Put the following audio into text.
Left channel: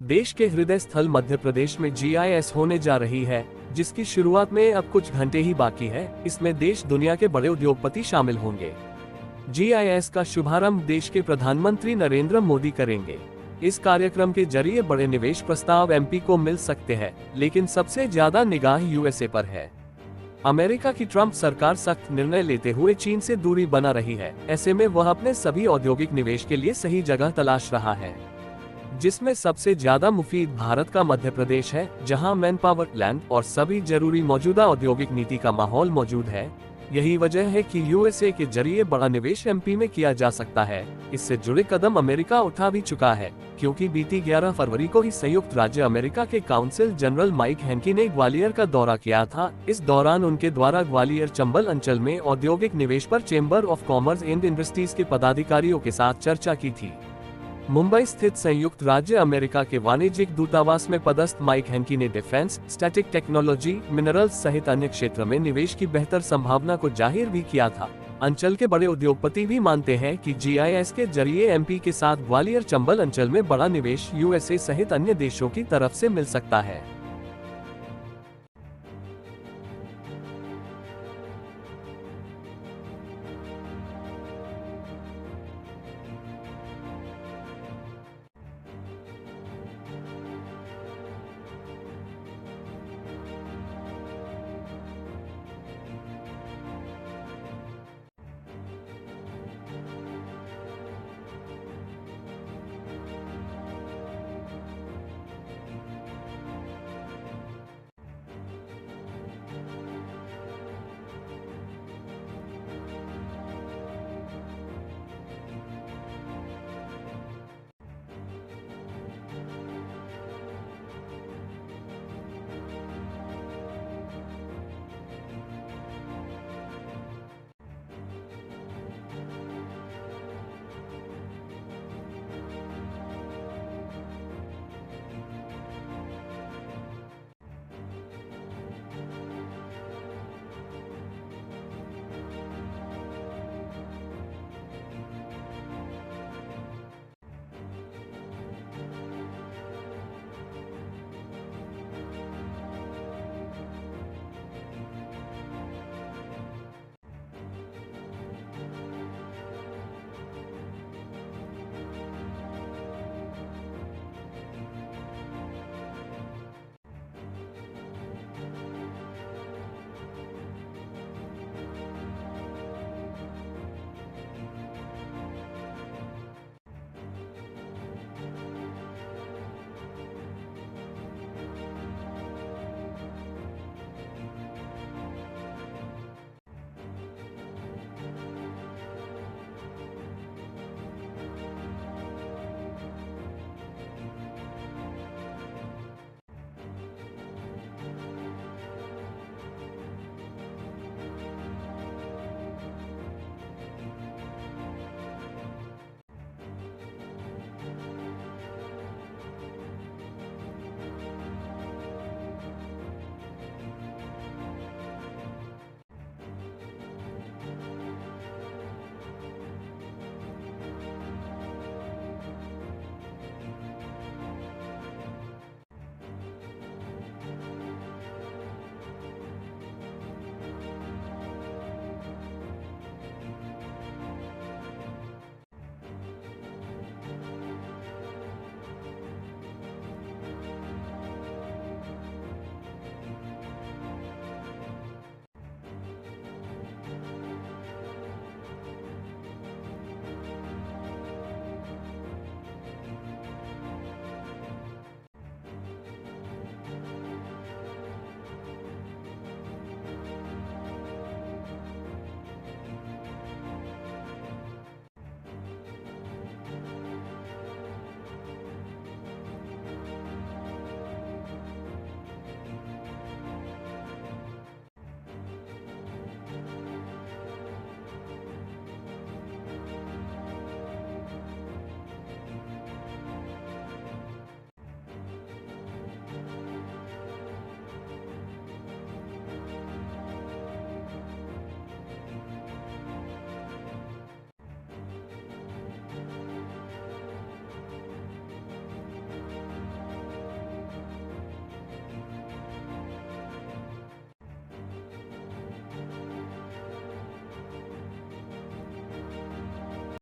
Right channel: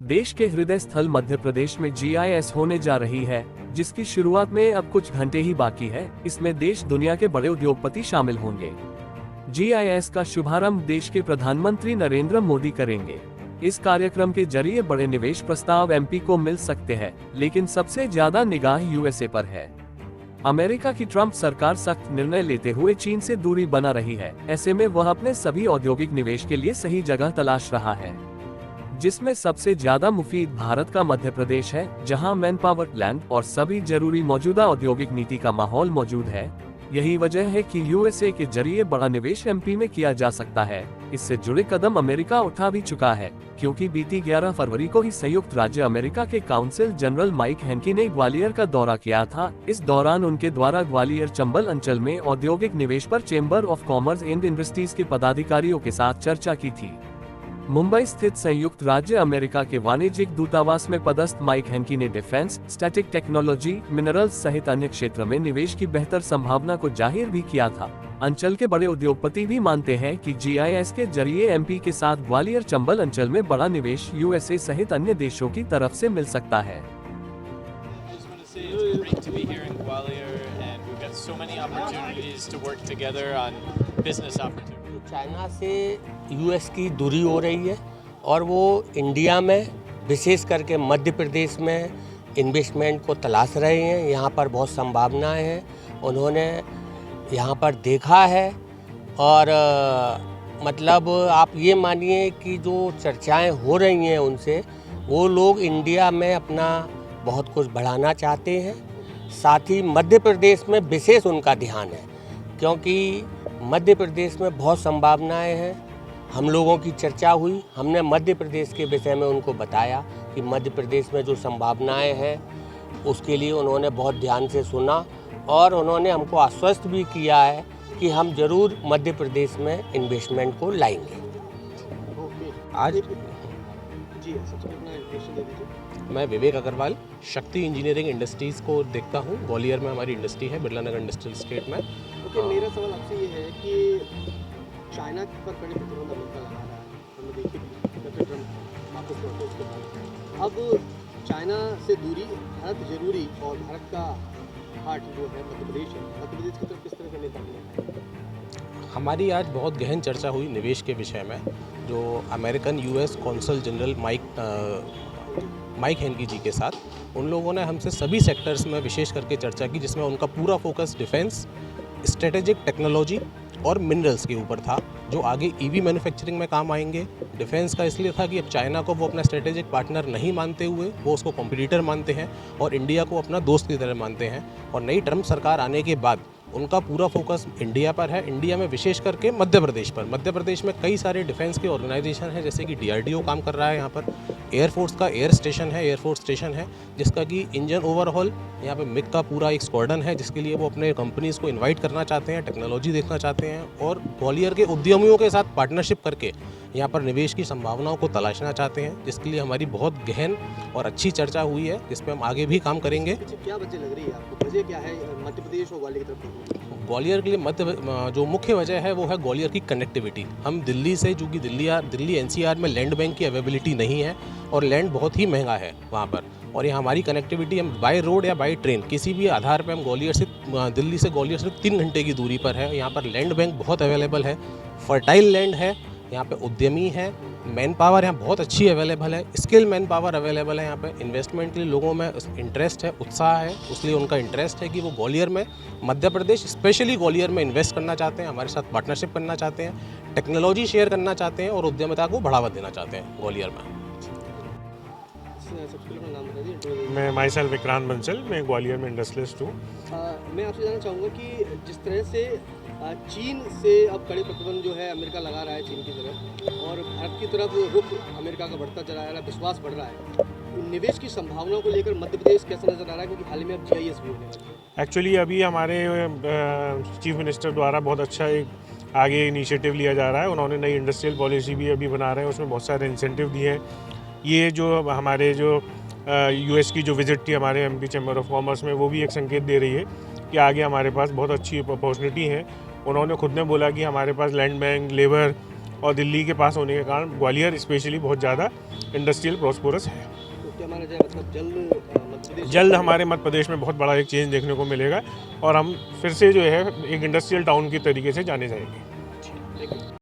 देश के हृदय स्थल मध्य प्रदेश में GIS होने जा रही है, जिसकी शुरुआत में अब कुछ घंटे ही बाकी है। इसमें देश दुनिया के बड़े उद्योगपति शामिल होंगे। GIS का शुभारंभ देश के प्रधानमंत्री नरेंद्र मोदी करेंगे। इस कार्यक्रम के जरिए बड़े निवेश प्रस्ताव MP को मिल सकते हैं, लेकिन सबसे ज्यादा निगाह USA पर है। अमेरिका की ट्रंप सरकार सख्त निर्णय लेते हुए चीन से दूरी बना रही है। ऐसे में वह अपने सभी औद्योगिक निवेश के लिए सही जगह तलाश रहा है, जिसमें सबसे ज्यादा मुफीद भारत का मध्य प्रदेश है, जहां मैन पावर, लैंड और सभी जरूरी मौजूदा औद्योगिक नीति का माहौल मौजूद है। यही वजह है कि USA के जरिए बड़ा निवेश MP में किया जा सकता है। इससे जुड़े कदम अमेरिका उठा भी चुका है, क्योंकि बीती 11 फरवरी को ही संयुक्त राज्य अमेरिका के काउंसिल जनरल माइक हैंकी ने ग्वालियर का दौरा किया था। इस दौरान उनके द्वारा ग्वालियर चंबल अंचल में औद्योगिक निवेश पर chamber of commerce and industries के पदाधिकारियों के साथ चर्चा की थी। मुंबई स्थित संयुक्त राज्य अमेरिका के वाणिज्यिक दूतावास में पदस्थ माइक हैंकी ने डिफेंस, स्टैटिक टेक्नोलॉजी, मिनरल्स सहित अन्य क्षेत्र में निवेश की बेहतर संभावना को जाहिर भी किया था। अंचल के बड़े उद्योगपति भी मानते हैं कि GIS के जरिए MP के साथ ग्वालियर चंबल अंचल में बड़ा निवेश USA सहित अन्य देशों की तरफ से मिल सकता है। चाइना से US की दूरी हो रही है और वो इंडिया में विशेष करके मध्य प्रदेश में इन्वेस्टमेंट को तलाश रहे हैं। यहाँ पर बहुत संभावनाएं हैं, उन्होंने यहाँ पर देखा है और मतलब आप ये मानिए कि जो चर्चाएं हो रही हैं उनसे, वो लोग इंडिया में अपना बहुत कुछ बढ़ाना चाहते हैं। साथ ही मध्य प्रदेश में विशेष उनका ध्यान है, क्योंकि मध्य प्रदेश में बहुत संभावनाएं हैं। हम लोगों की चर्चा हुई, हमने मध्य प्रदेश के विषय में उनको बताया कि मध्य प्रदेश में जो संभावनाएं हैं उसके लिए उन्होंने बहुत ध्यान से सुना और उन्होंने हमको आश्वस्त भी किया है कि हम जरूर मध्य प्रदेश में इन्वेस्टमेंट को लाएंगे। आज मैं विवेक अग्रवाल शक्ति इंजीनियरिंग इंडस्ट्रीज़ को देखता हूँ। ग्वालियर में हमारी इंडस्ट्री है, बिरला नगर इंडस्ट्रियल स्टेट में। तो मेरा सवाल आपसे ये है कि चाइना पर कड़ी प्रतिबंध अमेरिका लगा रहा है, हमने देखी अब चाइना से दूरी भारत जरूरी और भारत का हार्ट जो है मध्य प्रदेश है, मध्य प्रदेश की तरफ किस तरह का नेता है? हमारी आज बहुत गहन चर्चा हुई निवेश के विषय में, जो American US consul general Mike Hankey ji के साथ। उन लोगों ने हमसे सभी सेक्टर्स में विशेष करके चर्चा की, जिसमें उनका पूरा फोकस डिफेंस, स्ट्रेटेजिक टेक्नोलॉजी और मिनरल्स के ऊपर था, जो आगे EV मैन्युफैक्चरिंग में काम आएंगे। डिफेंस का इसलिए था कि अब चाइना को वो अपना स्ट्रेटेजिक पार्टनर नहीं मानते हुए वो उसको कॉम्पिटिटर मानते हैं और इंडिया को अपना दोस्त की तरह मानते हैं। और नई ट्रम्प सरकार आने के बाद उनका पूरा फोकस इंडिया पर है, इंडिया में विशेष करके मध्य प्रदेश पर। मध्य प्रदेश में कई सारे डिफेंस के ऑर्गेनाइजेशन हैं, जैसे कि DRDO काम कर रहा है यहाँ पर, एयरफोर्स का एयरफोर्स स्टेशन है जिसका कि इंजन ओवरहॉल, यहाँ पे मिग का पूरा एक स्क्वाड्रन है जिसके लिए वो अपने कंपनीज़ को इनवाइट करना चाहते हैं, टेक्नोलॉजी देखना चाहते हैं और ग्वालियर के उद्यमियों के साथ पार्टनरशिप करके यहाँ पर निवेश की संभावनाओं को तलाशना चाहते हैं, जिसके लिए हमारी बहुत गहन और अच्छी चर्चा हुई है, जिस पर हम आगे भी काम करेंगे। क्या वजह लग रही है आपको, वजह क्या है मध्य प्रदेश और ग्वालियर की तरफ? ग्वालियर के लिए जो मुख्य वजह है वो है ग्वालियर की कनेक्टिविटी। हम दिल्ली से, चूँकि दिल्ली NCR में लैंड बैंक की अवेलेबिलिटी नहीं है और लैंड बहुत ही महंगा है वहाँ पर, और ये हमारी कनेक्टिविटी हम बाय रोड या बाय ट्रेन किसी भी आधार पर हम दिल्ली से ग्वालियर सिर्फ 3 घंटे की दूरी पर है। यहाँ पर लैंड बैंक बहुत अवेलेबल है, फर्टाइल लैंड है, यहाँ पे उद्यमी है, मैन पावर यहाँ बहुत अच्छी अवेलेबल है, स्किल मैन पावर अवेलेबल है। यहाँ पे इन्वेस्टमेंट के लिए लोगों में इंटरेस्ट है, उत्साह है, इसलिए उनका इंटरेस्ट है कि वो ग्वालियर में, मध्य प्रदेश स्पेशली ग्वालियर में इन्वेस्ट करना चाहते हैं, हमारे साथ पार्टनरशिप करना चाहते हैं, टेक्नोलॉजी शेयर करना चाहते हैं और उद्यमिता को बढ़ावा देना चाहते हैं ग्वालियर में। मैं माई सेल्फ विक्रांत बंसल, मैं ग्वालियर में इंडस्ट्रियलिस्ट हूँ। मैं आपसे जानना चाहूँगा कि जिस तरह से चीन से अब कड़े प्रतिबंध जो है अमेरिका लगा रहा है चीन की तरफ, और भारत की तरफ रुख अमेरिका का बढ़ता चला जा रहा है, विश्वास बढ़ रहा है, तो निवेश की संभावनाओं को लेकर मध्य प्रदेश कैसा नजर आ रहा है, क्योंकि हाल ही में अब GIS भी हो गया? एक्चुअली अभी हमारे चीफ मिनिस्टर द्वारा बहुत अच्छा एक आगे इनिशिएटिव लिया जा रहा है। उन्होंने नई इंडस्ट्रियल पॉलिसी भी अभी बना रहे हैं, उसमें बहुत सारे इंसेंटिव दिए हैं। ये जो हमारे जो US की जो विजिट थी हमारे MP चैम्बर ऑफ कॉमर्स में, वो भी एक संकेत दे रही है कि आगे हमारे पास बहुत अच्छी अपॉर्चुनिटी है। उन्होंने खुद ने बोला कि हमारे पास लैंड बैंक, लेबर और दिल्ली के पास होने के कारण ग्वालियर स्पेशली बहुत ज़्यादा इंडस्ट्रियल प्रॉस्पेरस है। तो क्या माना जाए मतलब जल्द हमारे मध्य प्रदेश में बहुत बड़ा एक चेंज देखने को मिलेगा और हम फिर से जो है एक इंडस्ट्रियल टाउन की तरीके से जाने जाएंगे।